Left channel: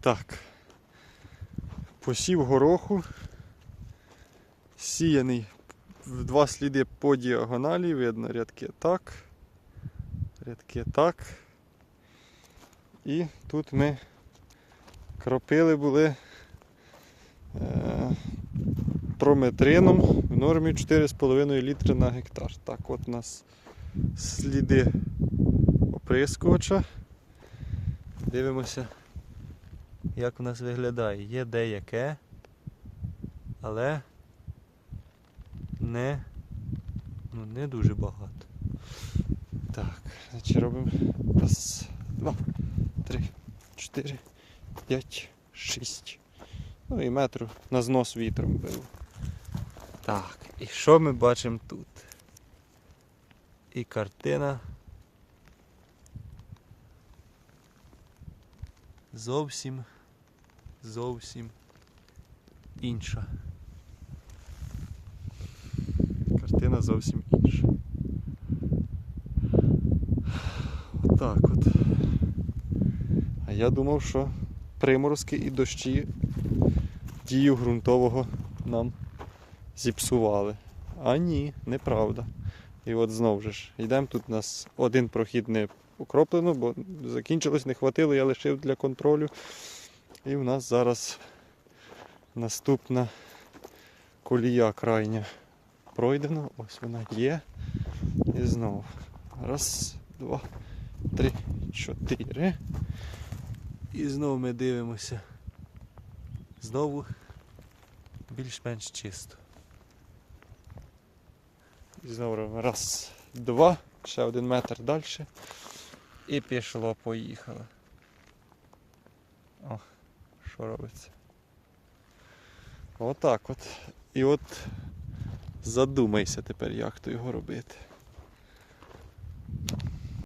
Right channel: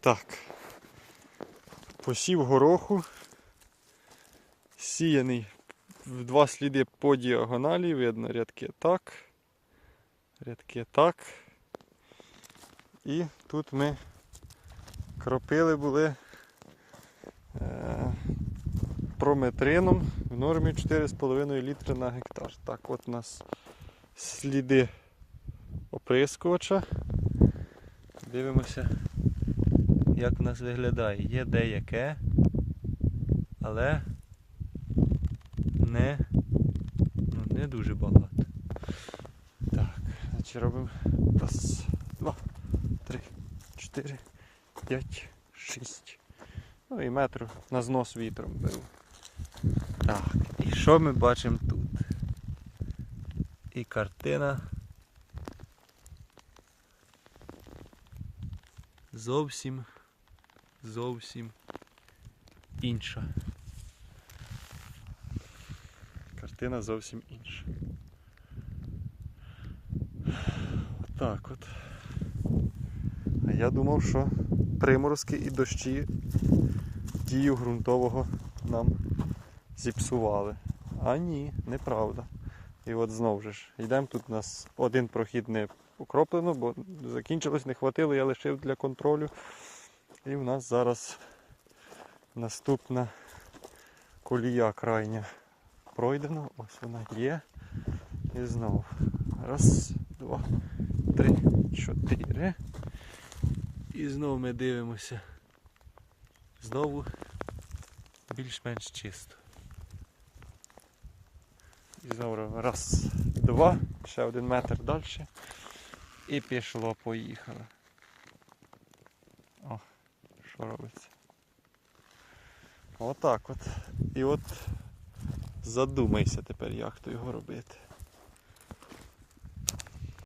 Так. Посів гороху. Сіяний в два сліди по діагоналі. Видно рядки так. Рядки так. І тут ми кропили були е, прометрином в нормі 4,5 літри на гектар. Так, от у нас сліди оприскувача. Дивимося, як у нас виглядає. Є деяке, але не, ну, не дуже багато. Так, значить робимо раз, два, три, чотири, п'ять, шість. Ну і метру на знос вітром бив. Так, і що ми бачимо тут? І картина зовсім, зовсім інша. Картина зовсім інша. Отак от. А я думав, що приморозки і дощі дію ґрунтового нам зіпсували. А ні, неправда. І от знову ж йдемо. Тут у нас один прохід не окроплено, бо закінчилось, не хватило, я лишив для контролю. І в нас зараз наступна колія крайня пройдена. Ось вона є. І знову. Раз, два, три, чотири. І знову ми дивимося. Знову більш-менш чисто. І знову раз, два, ще один метр далі. І пішло, поїхало. О, що робиться? Отак от. І от задумайся тепер, як то його робити.